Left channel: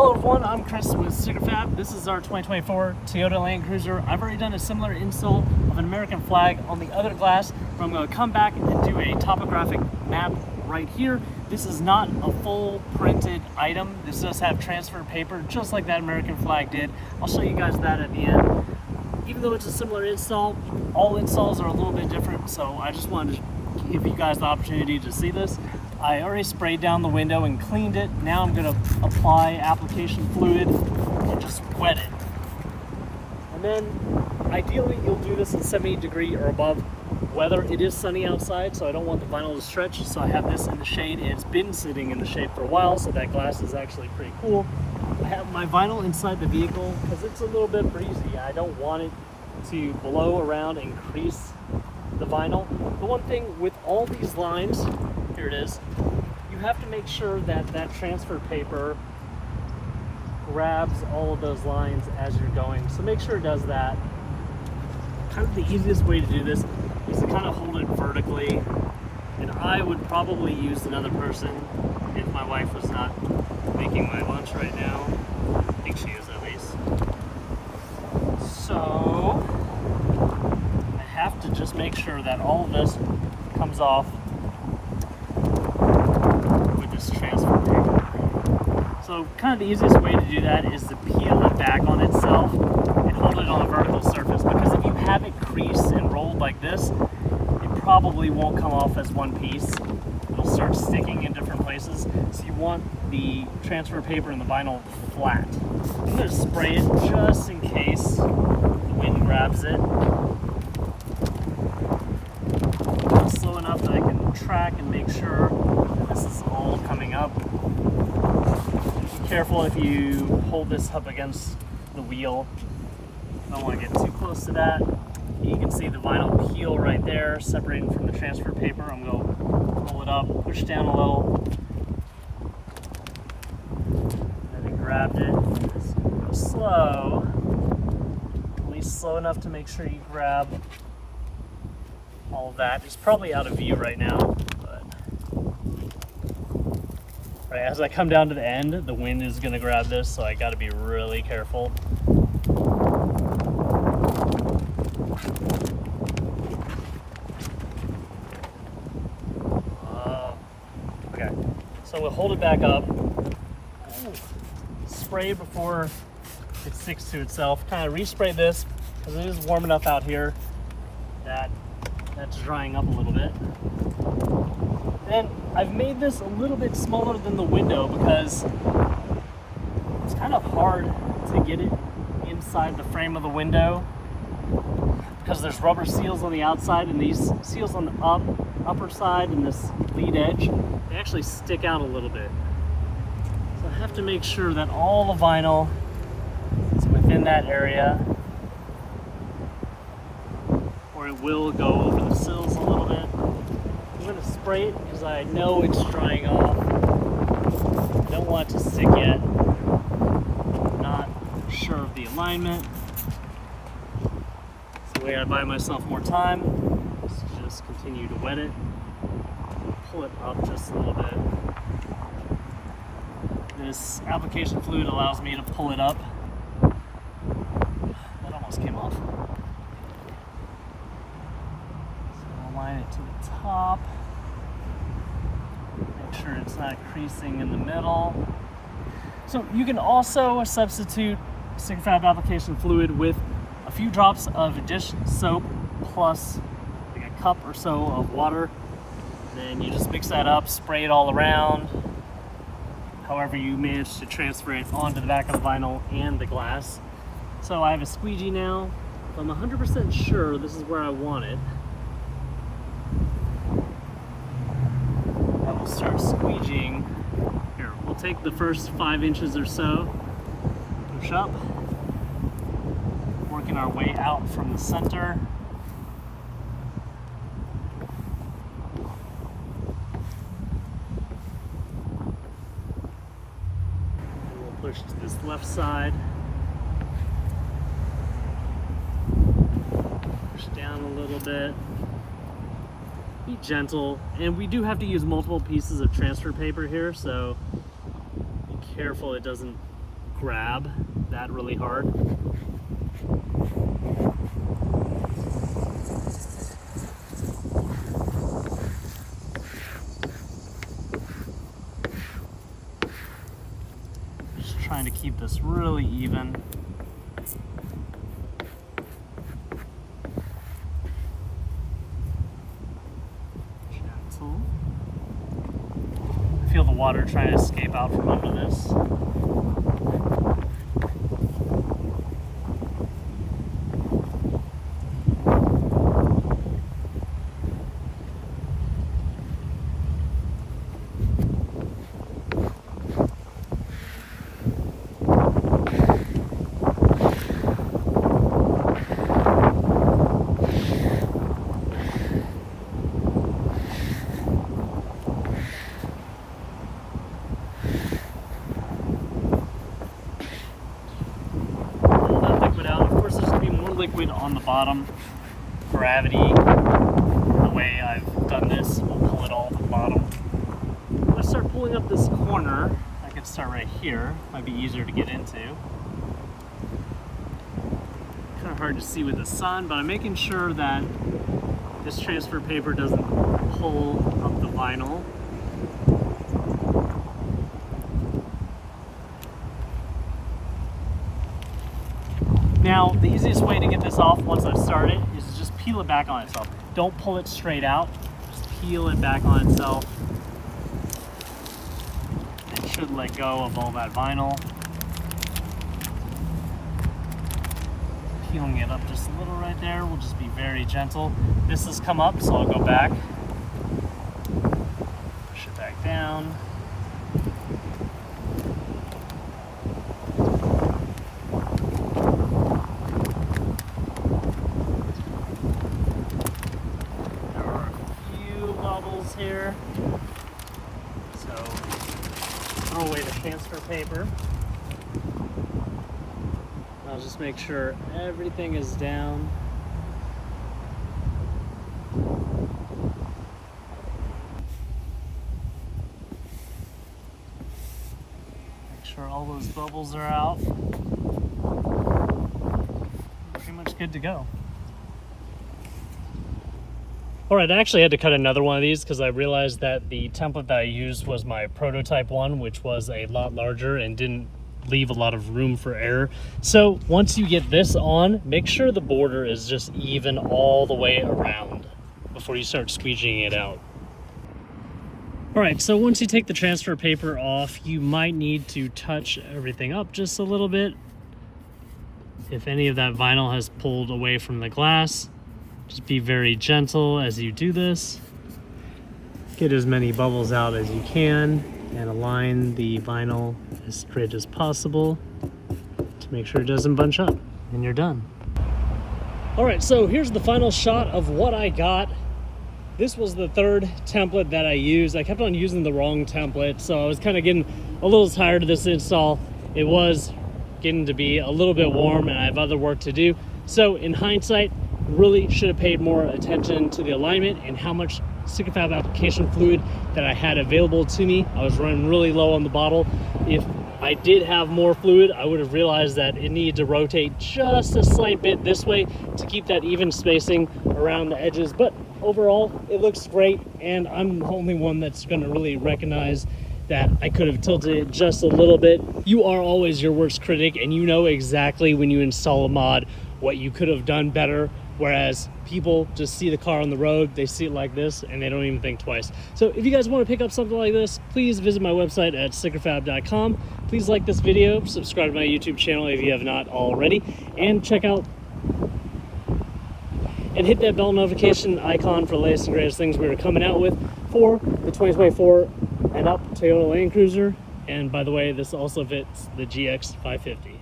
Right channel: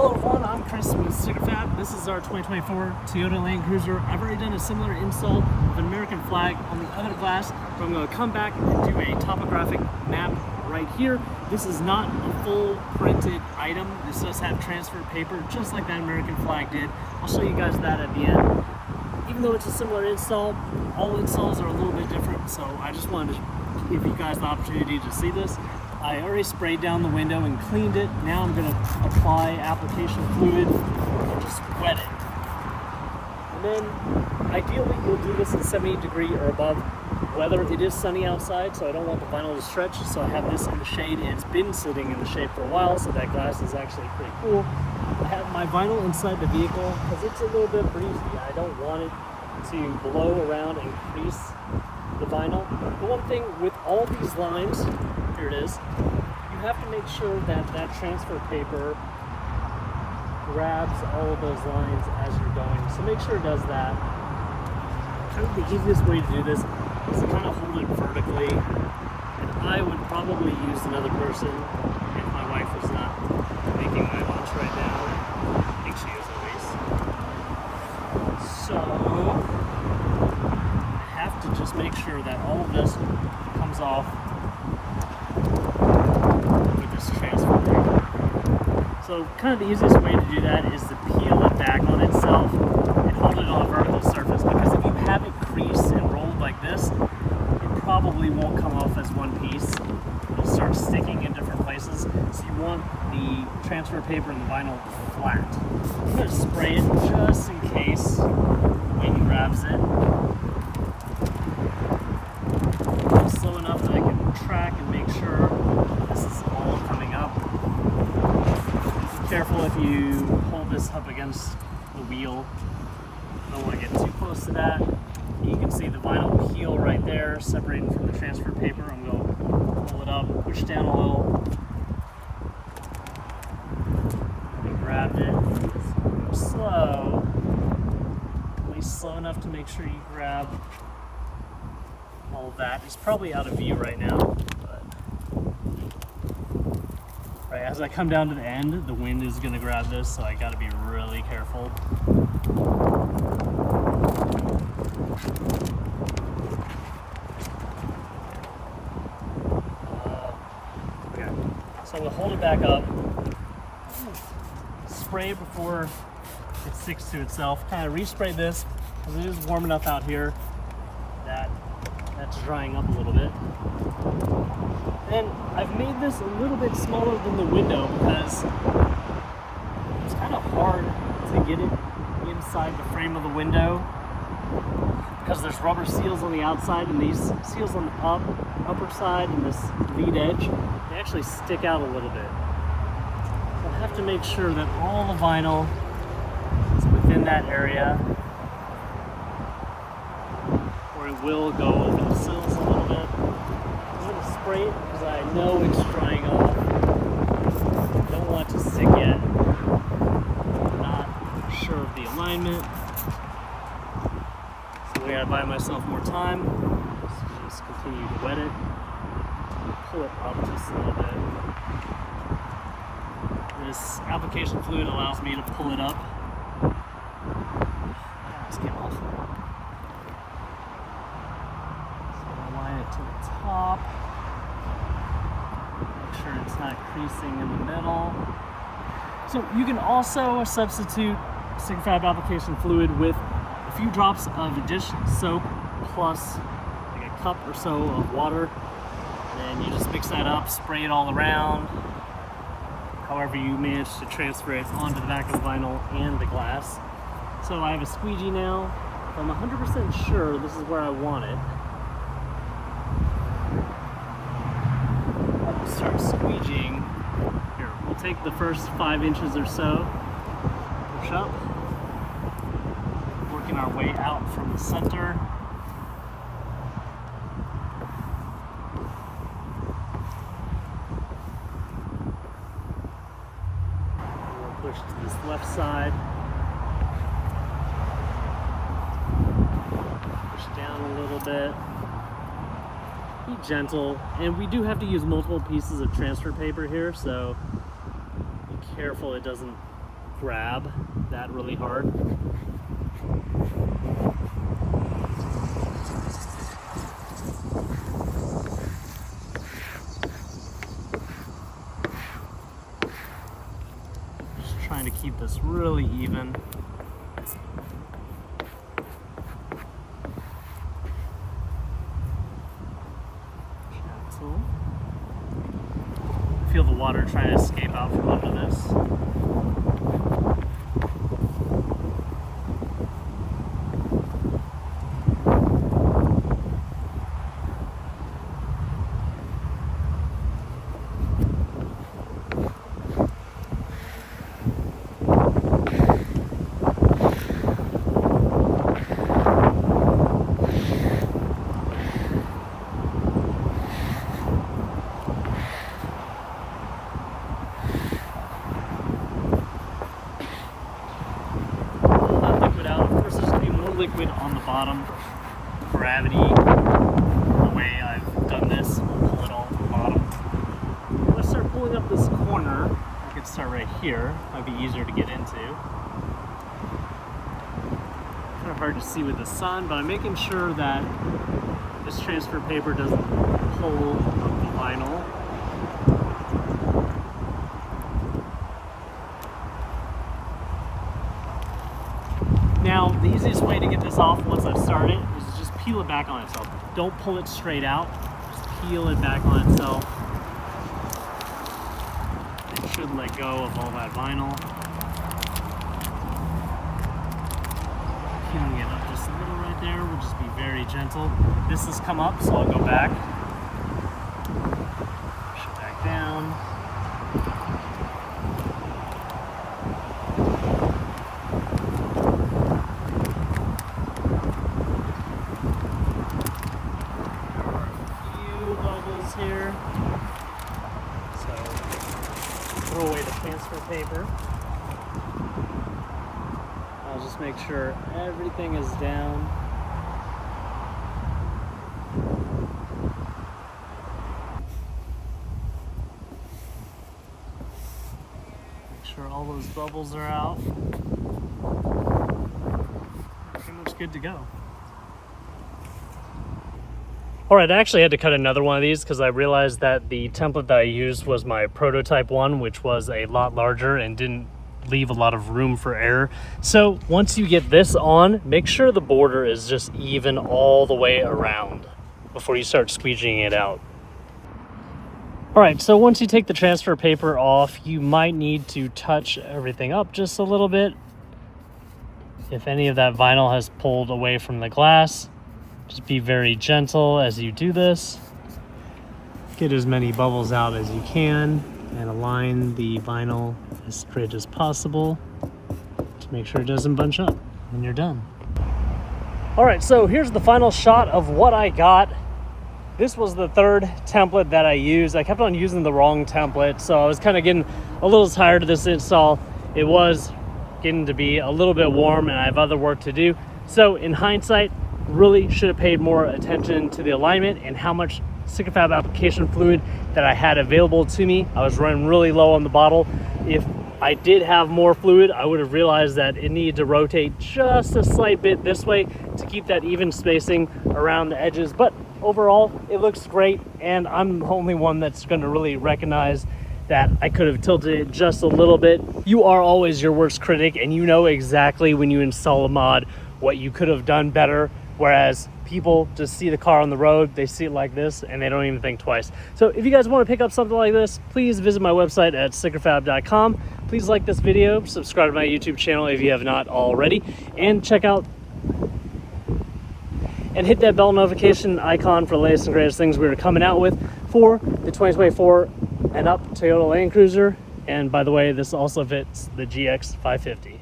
Hello everyone, I'm Chris with Topographic. This is our 2024 Toyota Land Cruiser. I've already done a similar install of an American flag on the other glass, but I'm going to come back and do a topographic map right here. This is not a full printed item. This does have transfer paper, just like that American flag did. I'll show you guys that at the end. Even though it's a similar install, all installs are a little bit different, so I just wanted to give you guys the opportunity to see this. I already sprayed down the window and cleaned it. Now I'm going to apply application fluid and just wet it. And then ideally you'll do this in 70-degree or above weather. It is sunny outside, so I don't want the vinyl to stretch, so I have this in the shade. It's been sitting in the shade for a while, so that glass is actually pretty cool. I have my vinyl inside the vehicle because it's a little bit breezy. I don't want it to blow around and crease the vinyl. The one thing with all these lines, here it is, you have to make sure that that transfer paper grabs all of those lines as you're going. So make sure it does that. Kind of the easiest way to do this is to kind of hold it vertically. And I would probably use another person if my wife was not making my lunch right now. I think she is at least. So I have to just make sure that all of this comes off with this transfer paper. So kind of the easiest way to do that is to peel it back on itself and hold it on a vertical surface, because if you have it creased and rolled like this, it probably won't come off as one piece. It'll start sticking in different places. So you want the transfer paper and the vinyl flat. I'm going to spray it just in case the wind grabs it. Just slow enough that I can track and make sure this is all coming up. Be careful if you hold this up against the wheel. I don't want to get too close to that. You can see the vinyl peel right there, separating from the transfer paper. I'm going to pull it up, push down a little. Already grabbed it. Slow. At least slow enough to make sure you grab all of that. It's probably out of view right now. Right, as I come down to the end, the wind is going to grab this, so I got to be really careful. Okay, so we'll hold it back up. Spray before it sticks to itself. Kind of respray this because it is warm enough out here that that's drying up a little bit. Then I've made this a little bit smaller than the window because it's kind of hard to get it inside the frame of the window, because there's rubber seals on the outside, and these seals on the upper side and this lead edge, they actually stick out a little bit. So I have to make sure that all the vinyl is within that area, or it will go over the sills a little bit. I'm going to spray it because I know it's drying off. I don't want it to stick yet. I'm not sure of the alignment. It's the way I buy myself more time. Just continue to wet it. Pull it up just a little bit. This application fluid allows me to pull it up. That almost came off. Line it to the top. Make sure it's not creasing in the middle. So you can also substitute stick fab application fluid with a few drops of dish soap plus like a cup or so of water. And then you just mix that up, spray it all around. However you manage to transfer it onto the back of the vinyl and the glass. So I have a squeegee now. If I'm 100% sure this is where I want it, start squeegeeing. Here, we'll take the first 5 inches or so, push up, working our way out from the center. And we'll push to this left side, push down a little bit. Be gentle, and we do have to use multiple pieces of transfer paper here, so be careful it doesn't grab that really hard. Just trying to keep this really even. Gentle. I feel the water trying to escape out from under this. Out. Of course, there's going to be more liquid on the bottom. Gravity, the way I've done this, will pull it all to the bottom. Let's start pulling up this corner. I could start right here. Might be easier to get into. Kind of hard to see with the sun, but I'm making sure that this transfer paper doesn't pull up the vinyl. Now, the easiest way to get this off once I've started is to just peel it back on itself. Don't pull it straight out, just peel it back on itself. It should let go of all that vinyl. Peeling it up just a little right there, we'll just be very gentle. This has come up, so I'll go back. Push it back down. Here, so throw away the transfer paper. I'll just make sure everything is down. Make sure all those bubbles are out. Pretty much good to go. All right, I actually had to cut another one of these because I realized that the template that I used was my prototype one, which was a lot larger and didn't leave a lot of room for error. So once you get this on, make sure the border is just even all the way around before you start squeegeeing it out. All right, so once you take the transfer paper off, you might need to touch everything up just a little bit. If any of that vinyl has pulled away from the glass, just be very gentle as you do this. Get as many bubbles out as you can and align the vinyl as straight as possible to make sure it doesn't bunch up, and you're done. All right, so here's the final shot of what I got. This was the third template that I used. I kept on using the wrong template, so I was kind of getting a little tired of this install. It was getting to be a little bit warm and I have other work to do. So in hindsight, really should have paid more attention to the alignment and how much Stick-N-Fab application fluid that I had available to me. I was running really low on the bottle. If I did have more fluid, I would have realized that it needed to rotate just a slight bit this way to keep that even spacing around the edges. But overall, it looks great, and I'm the only one that's going to really recognize that I could have tilted it just a little bit. You are always your worst critic, and you know exactly when you install a mod what you could have done better. Whereas people just see the car on the road, they see it like this, and they don't even think twice. So if you guys want to pick up something like this, please visit my website at stickerfab.com. Please like this video, subscribe to my YouTube channel if you have not already, and check out and hit that bell notification icon for the latest and greatest things we're coming out with for the 2024 and up Toyota Land Cruiser. And by the way, this also fits the GX 550.